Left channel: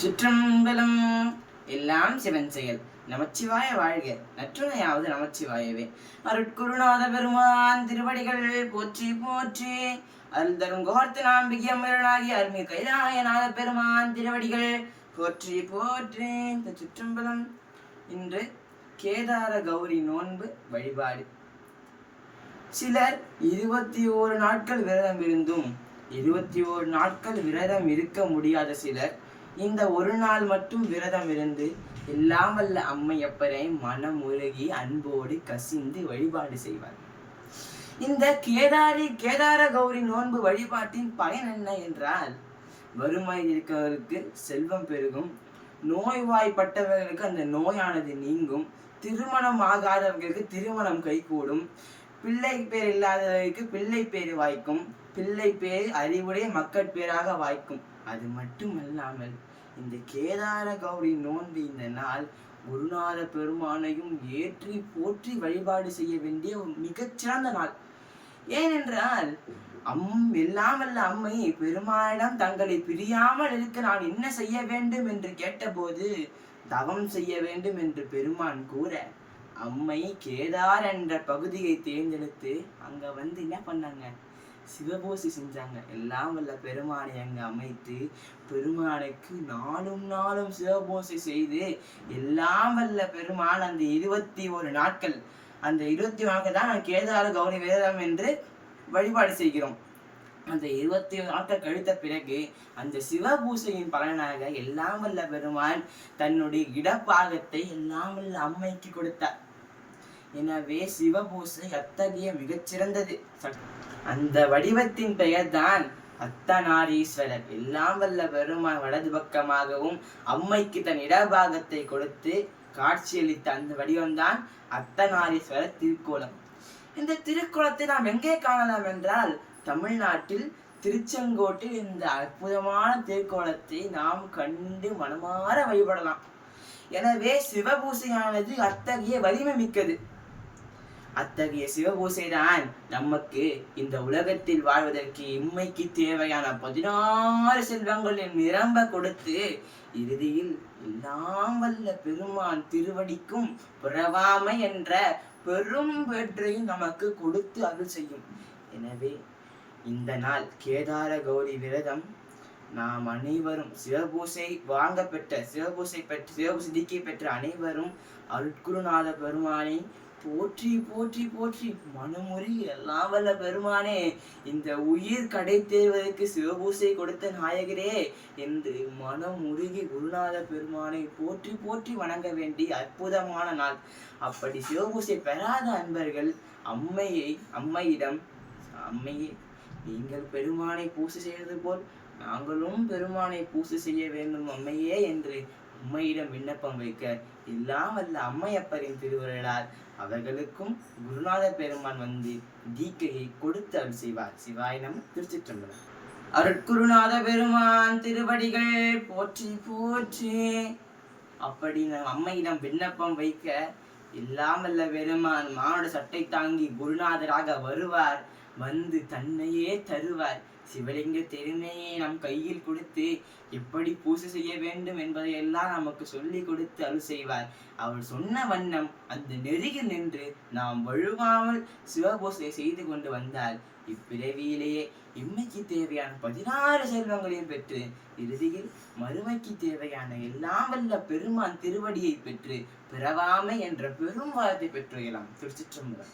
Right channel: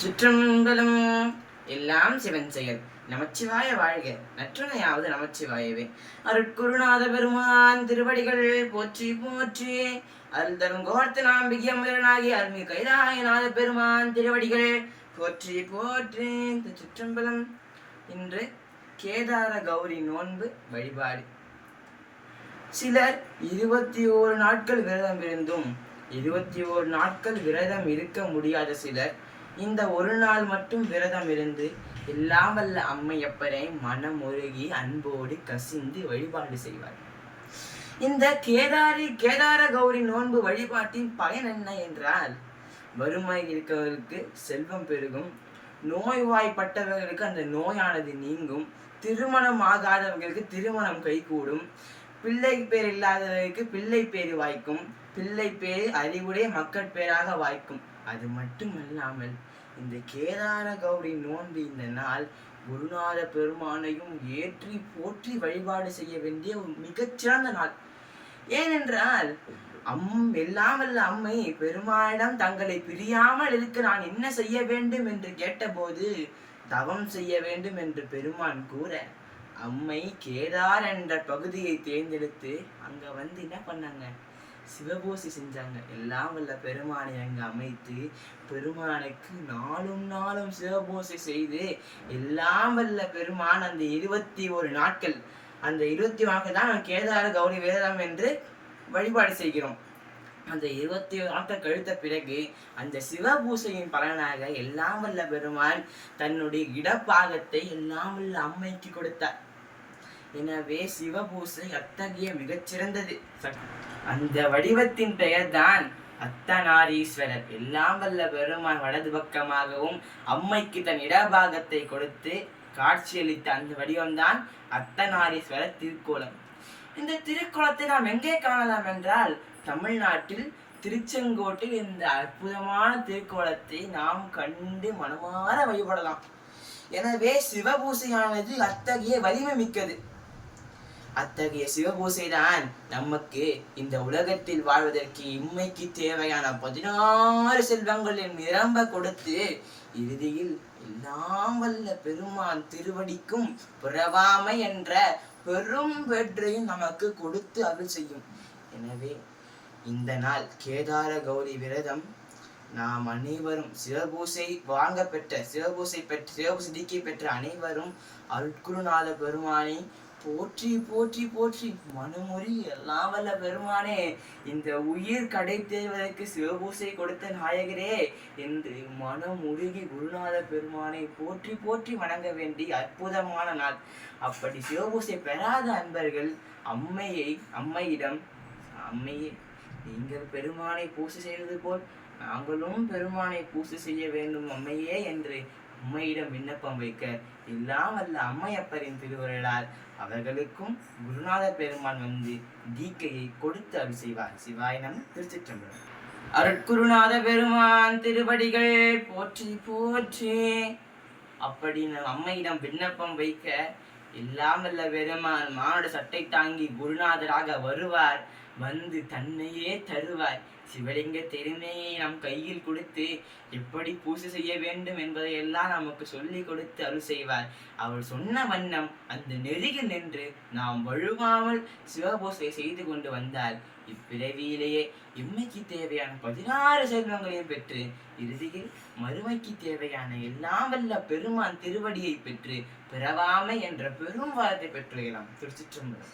சுற்றம்பலம். எல்லாம் சிவன் செயல். நமச்சிவாய வாழ்க. நற்றுணையாவது நமச்சிவாயவே. அருட்குருநாத பெருமான் திருவடிகள் போற்றி போற்றி. அருள் தரும் கோர்த்த நாம்பிகம் வீரனாகி அருள்மிகு கைலாயநாத பெருமான் திருவடிகள் போற்றி போற்றி. இந்த சுற்றம்பலம் இன்று கேதார கௌரி நோன்பு வழிபாடு. சிலர் இருபத்தி ஓரு நாட்கள் விரதம் இருந்தும் இருபத்தி ஓரு நாட்கள் விரதம் இருக்க முடியாத சிலர் இந்த ஒரு நாள் மட்டும் விரதம் இருந்து எல்லாம் வல்ல அம்மையப்பரை மனமுருகி அன்போடு கசிந்து வழிபாடு செய்வார். இந்த கேதாரி கேதார கௌரி நோன்பு வழிபாட்டின் பயன் என்ன என்றால் வறுமை இருக்கிறவர்களுக்கு செல்வம் பெருகும் நோய்வாய்ப்பட்டவர்களுக்கு அந்த நோயானது நீங்கும் திருமணம் ஆகாதவர்களுக்கு திருமணம் கைகூடும் பிள்ளை பேர் இல்லாதவர்களுக்கு பிள்ளை பேர் வாய்க்கும் பிள்ளை பேர் அறிவுடைய மக்கட் பேராக வாய்க்கும். அது மட்டுமல்லாமல் இந்த கேதார கௌரி நோன்பு இந்த நாள் குருநாத பெருமானையும் ஏற்றி போற்றி வழிபாடு செய்ய வேண்டிய மிகச்சிறந்த நாள். ஏனென்றால் அம் எல்லாமல்ல அம்மை பெருமானிடம் தங்களை பிரியாமல் இருக்க நான் என்ன செய்ய வேண்டும் என்று கேட்டபோது தவம் செய்ய வேண்டும் என்று பெருமான் கூற அம்மை கேதார் என்ற பகுதியை தேர்ந்தெடுத்து அங்க வந்து என்ன பண்ணாங்க? சிவபூசி செஞ்சாங்க. எல்லாம் வல்ல பெருமானை அங்க அமைத்து பெருமானுக்கு நாளும் நாளும் சிவபூசை செய்து எல்லாம் வல்ல பெருமான் அந்த இருபத்தி ஒரு நாட்கள் அந்த இருபத்தி நாட்கள் தான் கேதார கௌரி வேதம் என்று வழிபாடு செய்கிறோம். அந்த இருபத்தி நாட்கள் கழித்த பிறகு அந்த சிவபூசையின் பலனாக எல்லாம் வல்ல பெருமான் தன்னுடைய இடப்பாகத்தை எல்லாம் வல்ல அம்மைக்கு கொடுத்தார். எனவே சிவபூசை அத்தகைய மிகச்சிறந்தது. அந்த வடிவத்தின் பெயர்தான் அத்தநாரீஸ்வரர் எல்லாம் வல்ல பெருமான் வலது பக்கமாகவும் அம்மைக்கு தன் இடபாகத்தை கொடுத்து காட்சியளித்த அந்த வடிவம்தான் அத்தநாரீஸ்வரர் திருக்கோலம். இந்த திருக்கோலத்தை நாம் எங்கே காணலாம் என்றால் தமிழ்நாட்டில் திருச்செங்கோட்டில் இந்த அற்புதமான திருக்கோலத்தை நாம் கண்டு மனமாற வழிபடலாம். எனவே சிவபூசையானது அத்தகைய வலிமை மிக்கது. அத்தகைய சிவபூசைதான் நமக்கு இந்த உலகத்தில் வாழ்வதற்கு இம்மைக்கு தேவையான பதினாறு செல்வங்களின் நிரம்ப கொடுத்து இறுதியில் எல்லாம் வல்ல பெருமான் திருவடிக்கும் பிறவாமை என்ற பெரும் வெற்றையும் நமக்கு கொடுத்து அருள் செய்யும். எனவே இந்த நாள் கேதார கௌரி விரதம் நாம் அனைவரும் சிவபூசை வாங்க பெற்ற சிவபூசை பெற்ற சிவபூசை பெற்ற அனைவரும் அருட்குருநாத பெருமானை போற்றி போற்றி போற்றி. மனமுறி எல்லாம் வல்ல பெருமானே இந்த உயிர் கடை தேர்வதற்கு சிவபூசை கொடுத்த நாயகரே என்று மனம் உருகி குருநாத பெருமானை போற்றி போற்றி வணங்க வேண்டிய அற்புதமான நாள். அப்படி சிவபூசை பெறாத அன்பர்கள் அம்மையை அம்மையிடம் அம்மையே நீங்கள் பெருமானை பூசை செய்வது போல் நாங்களும் பெருமானை பூசை செய்ய வேண்டும் அம்மையே என்று அம்மையிடம் விண்ணப்பம் வைக்க எல்லாம் வல்ல அம்மையப்பரின் திருவுருளால் அவர்களுக்கும் குருநாத பெருமான் வந்து தீக்கையை கொடுத்து அருள் செய்வார். சிவாய நம்ம திருச்சிற்றம்பலம். அருட்குருநாத பெருமான் திருவடிகள் போற்றி போற்றி. அப்படின்னு அம்மையிடம் விண்ணப்பம் வைக்க எல்லாம் பெருமான் மானோட சட்டை தாங்கி குருநாதராக வருவார். வந்து தன்னையே தருவார். சிவலிங்க திருமையை நம் கையில் கொடுத்து எப்படி பூசை செய்ய வேண்டும் என்பதை எல்லாம் நமக்கு சொல்லி கொடுத்து அருள் செய்வார். அவள் சொன்ன வண்ணம் அந்த நெருகில் நின்று நாம் வழுவாமல் சிவபூசை செய்து கொண்டு வந்தால் இப்பிறவியிலேயே இம்மைக்கு தேவையான பதினாறு செல்வங்களையும் பெற்று இறுதியில் மறுமைக்கு தேவையான எல்லாம் வல்ல பெருமான் திருவடியை பெற்று பிறவாமை என்ற பெரும் வாரத்தை பெற்று இளம் திருச்சிற்றம்பலம்.